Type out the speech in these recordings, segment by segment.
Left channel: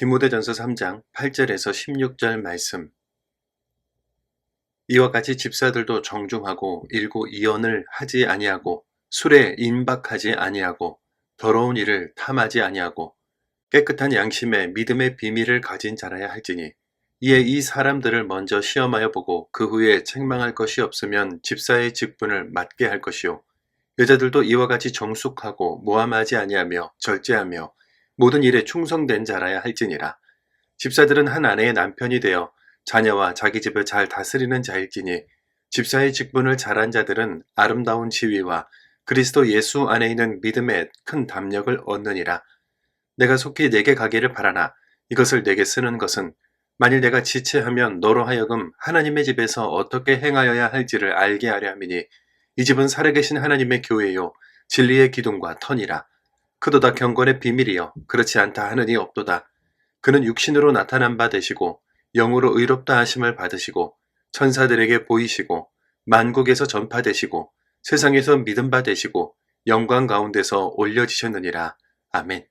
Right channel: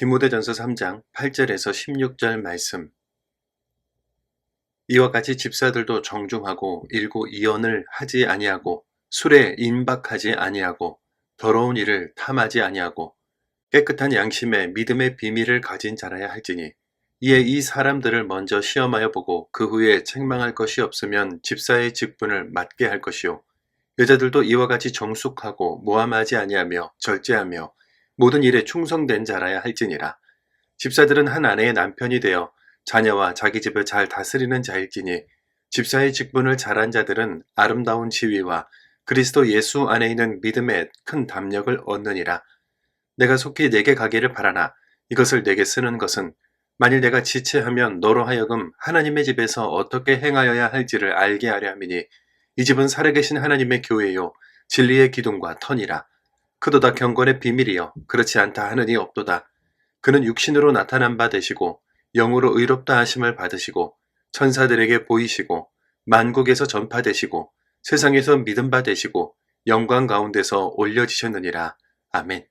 디모데전서 3장 8절에서 16절 말씀. 이와 같이 집사들도 정중하고 일고 이언을 하지 아니하고 술에 임박하지 아니하고 더러운 일을 탐하지 아니하고 깨끗한 양심에 믿음의 비밀을 가진 자라야 할지니, 이에 이 사람들을 먼저 시험하여 보고 그 후에 책망할 것이 없으면 집사의 직분을 맡게 할 것이요, 여자들도 이와 같이 정숙하고 모함하지 아니하며 절제하며 모든 일에 충성된 자라야 할지니라. 집사들은 한 아내의 남편이 되어 자녀와 자기 집을 잘 다스리는 자일지니, 집사의 직분을 잘한 자들은 아름다운 지위와 그리스도 예수 안에 있는 믿음에 큰 담력을 얻느니라. 내가 속히 내게 가기를 바라나 이것을 내게 쓰는 것은, 만일 내가 지체하면 너로 하여금 하나님의 집에서 어떻게 행하여야 할지를 알게 하려 함이니, 이 집은 살아계신 하나님의 교회요 진리의 기둥과 터니라. 그도다 경건의 비밀이여 그렇지 않다 하느니 없도다. 그는 육신으로 나타난 바 되시고 영으로 의롭다 하심을 받으시고 천사들에게 보이시고 만국에서 전파되시고 세상에서 믿음 바 되시고 영광 가운데서 올려지셨느니라. 아멘.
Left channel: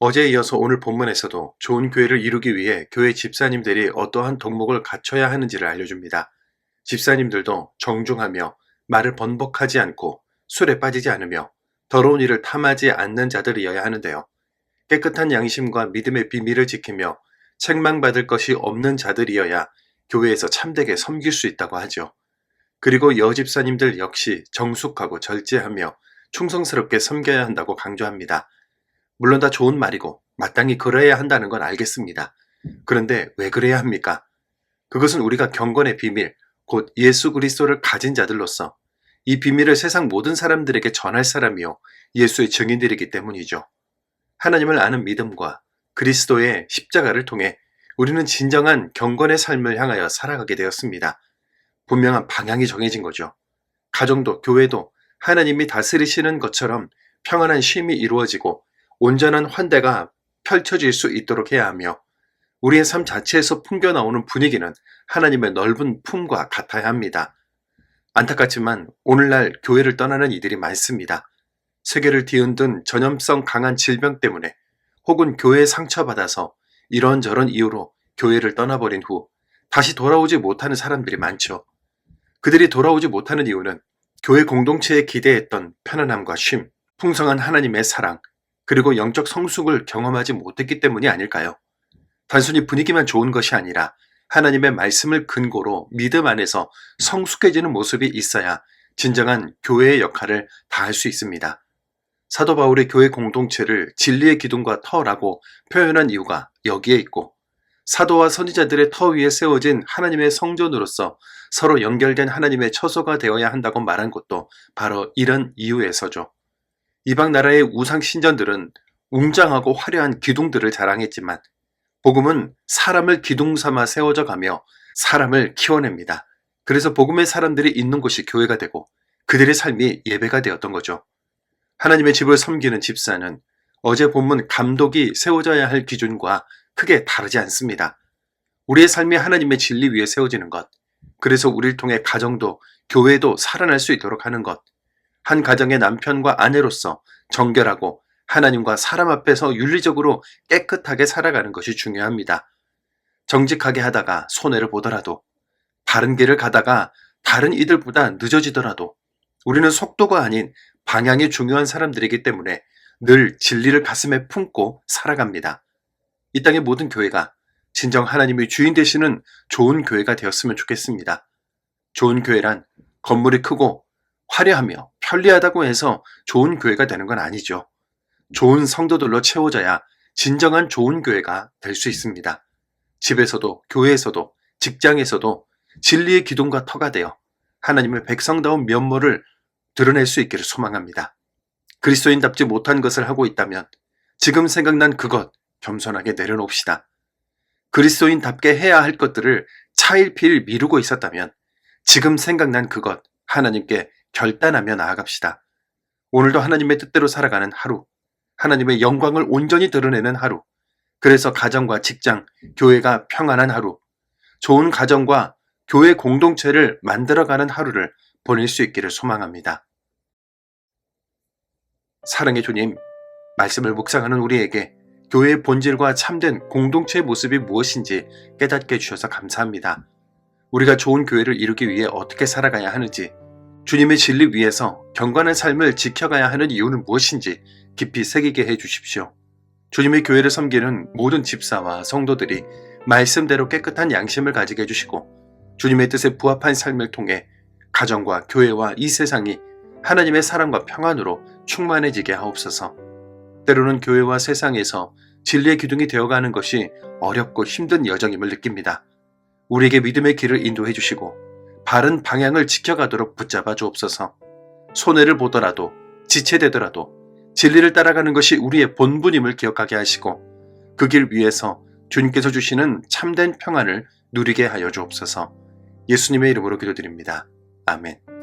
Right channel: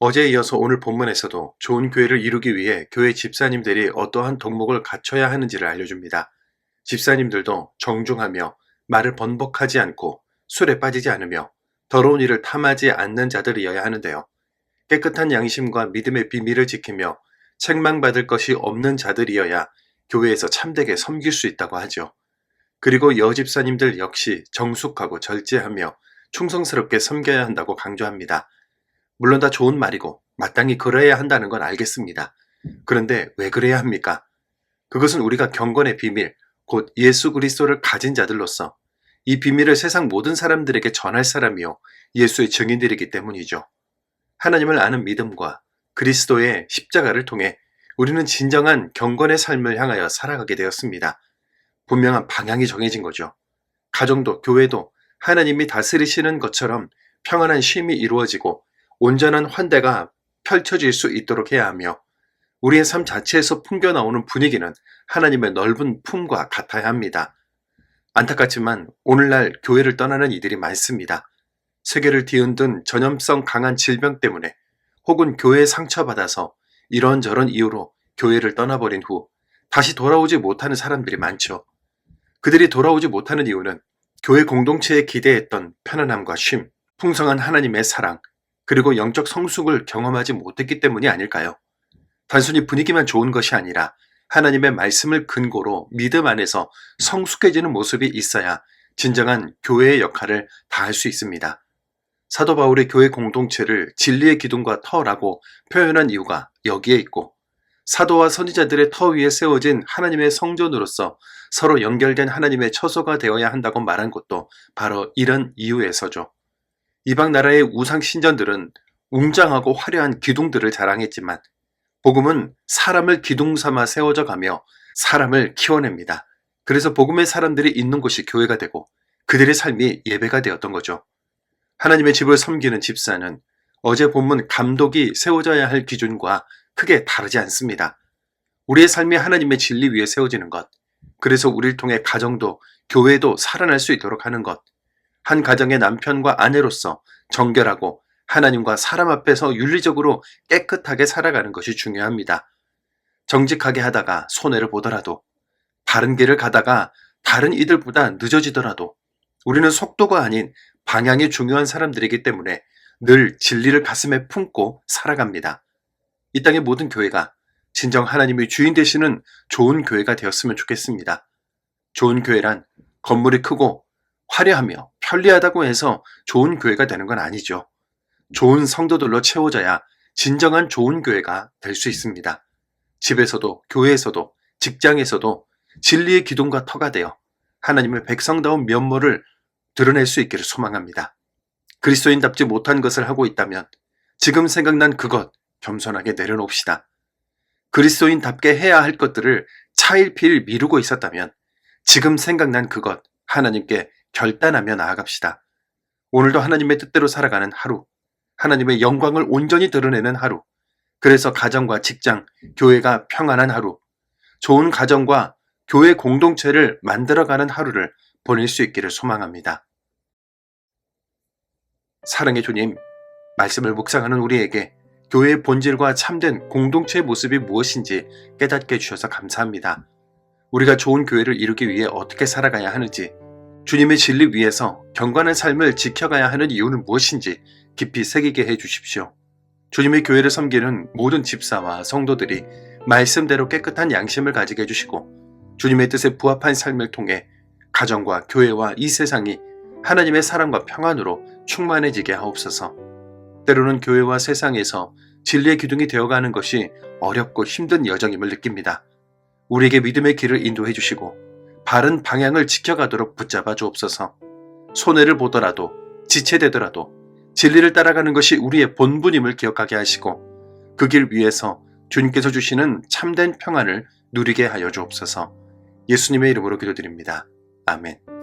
어제에 이어서 오늘 본문에서도 좋은 교회를 이루기 위해 교회 집사님들이 어떠한 덕목을 갖춰야 하는지를 알려줍니다. 집사님들도 정중하며 말을 번복하지 않고 술에 빠지지 않으며 더러운 일을 탐하지 않는 자들이어야 하는데요. 깨끗한 양심과 믿음의 비밀을 지키며 책망받을 것이 없는 자들이어야 교회에서 참되게 섬길 수 있다고 하죠. 그리고 여집사님들 역시 정숙하고 절제하며 충성스럽게 섬겨야 한다고 강조합니다. 물론 다 좋은 말이고 마땅히 그래야 한다는 건 알겠습니다. 그런데 왜 그래야 합니까? 그것은 우리가 경건의 비밀, 곧 예수 그리스도를 가진 자들로서 이 비밀을 세상 모든 사람들에게 전할 사람이요 예수의 증인들이기 때문이죠. 하나님을 아는 믿음과 그리스도의 십자가를 통해 우리는 진정한 경건의 삶을 향하여 살아가게 되었습니다. 분명한 방향이 정해진 거죠. 가정도 교회도 하나님이 다스리시는 것처럼 평안한 쉼이 이루어지고 온전한 환대가 펼쳐질 수 있도록 해야 하며, 우리의 삶 자체에서 풍겨나오는 분위기는 하나님의 넓은 품과 같아야 합니다. 안타깝지만 오늘날 교회를 떠나는 이들이 많습니다. 세계를 뒤흔든 전염성 강한 질병 때문에 혹은 교회에 상처받아서 이런저런 이유로 교회를 떠나버린 후 다시 돌아오지 못하는 사람들이 많죠. 그들이 돌아오지 못하는 이유는 교회 공동체에 기대했던 편안함과 쉼, 풍성한 하나님의 사랑, 그리고 영적 성숙을 경험하지 못했기 때문이 아닐까요? 단순히 분위기만 좋은 것이 아니라 하나님의 말씀을 근거로 믿음 안에서 성숙해지는 모습이 있어야 진정한 교회의 역할을 다할 수 있습니다. 사도 바울의 교회 공동체를 진리의 기둥과 터라고 표현한 이유가 여기에 있고, 사도와 선지자들의 터 위에 세워진 하나님의 성전으로서 서로 연결된 하나님의 처소가 되어야 한다고 말한 것도 바로 이런 이유에서죠. 이방 나라의 우상 신전들은 웅장하고 화려한 기둥들을 자랑했지만, 복음은 사람을 기둥 삼아 세워져 가며 사람을 키워냅니다. 그래서 복음의 사람들이 있는 곳이 교회가 되고 그들의 삶이 예배가 되었던 거죠. 하나님의 집을 섬기는 집사는 어제 본문 감독이 세워져야 할 기준과 크게 다르지 않습니다. 우리의 삶이 하나님의 진리 위에 세워지는 것, 그래서 우리를 통해 가정도 교회도 살아날 수 있도록 하는 것, 한 가정의 남편과 아내로서 정결하고 하나님과 사람 앞에서 윤리적으로 깨끗하게 살아가는 것이 중요합니다. 정직하게 하다가 손해를 보더라도, 바른 길을 가다가 다른 이들보다 늦어지더라도 우리는 속도가 아닌 방향이 중요한 사람들이기 때문에 늘 진리를 가슴에 품고 살아갑니다. 이 땅의 모든 교회가 진정 하나님의 주인 되시는 좋은 교회가 되었으면 좋겠습니다. 좋은 교회란 건물이 크고 화려하며 편리하다고 해서 좋은 교회가 되는 건 아니죠. 좋은 성도들로 채워져야 진정한 좋은 교회가 될 수 있습니다. 집에서도 교회에서도 직장에서도 진리의 기둥과 터가 되어 하나님의 백성다운 면모를 드러낼 수 있기를 소망합니다. 그리스도인답지 못한 것을 하고 있다면 지금 생각난 그것 겸손하게 내려놓읍시다. 그리스도인답게 해야 할 것들을 차일피일 미루고 있었다면 지금 생각난 그것 하나님께 결단하며 나아갑시다. 오늘도 하나님의 뜻대로 살아가는 하루, 하나님의 영광을 온전히 드러내는 하루, 그래서 가정과 직장, 교회가 평안한 하루, 좋은 가정과 교회 공동체를 만들어가는 하루를 보낼 수 있기를 소망합니다. 사랑의 주님, 말씀을 묵상하는 우리에게 교회의 본질과 참된 공동체의 모습이 무엇인지 깨닫게 해주셔서 감사합니다. 우리가 좋은 교회를 이루기 위해 어떻게 살아가야 하는지, 주님의 진리 위에서 경건한 삶을 지켜가야 하는 이유는 무엇인지 깊이 새기게 해주십시오. 주님의 교회를 섬기는 모든 집사와 성도들이 말씀대로 깨끗한 양심을 가지게 해주시고, 주님의 뜻에 부합한 삶을 통해 가정과 교회와 이 세상이 하나님의 사랑과 평안으로 충만해지게 하옵소서. 때로는 교회와 세상에서 진리의 기둥이 되어가는 것이 어렵고 힘든 여정임을 느낍니다. 우리에게 믿음의 길을 인도해 주시고 바른 방향을 지켜가도록 붙잡아 주옵소서. 손해를 보더라도 지체되더라도 진리를 따라가는 것이 우리의 본분임을 기억하게 하시고 그 길 위에서 주님께서 주시는 참된 평안을 누리게 하여 주옵소서. 예수님의 이름으로 기도드립니다. 아멘.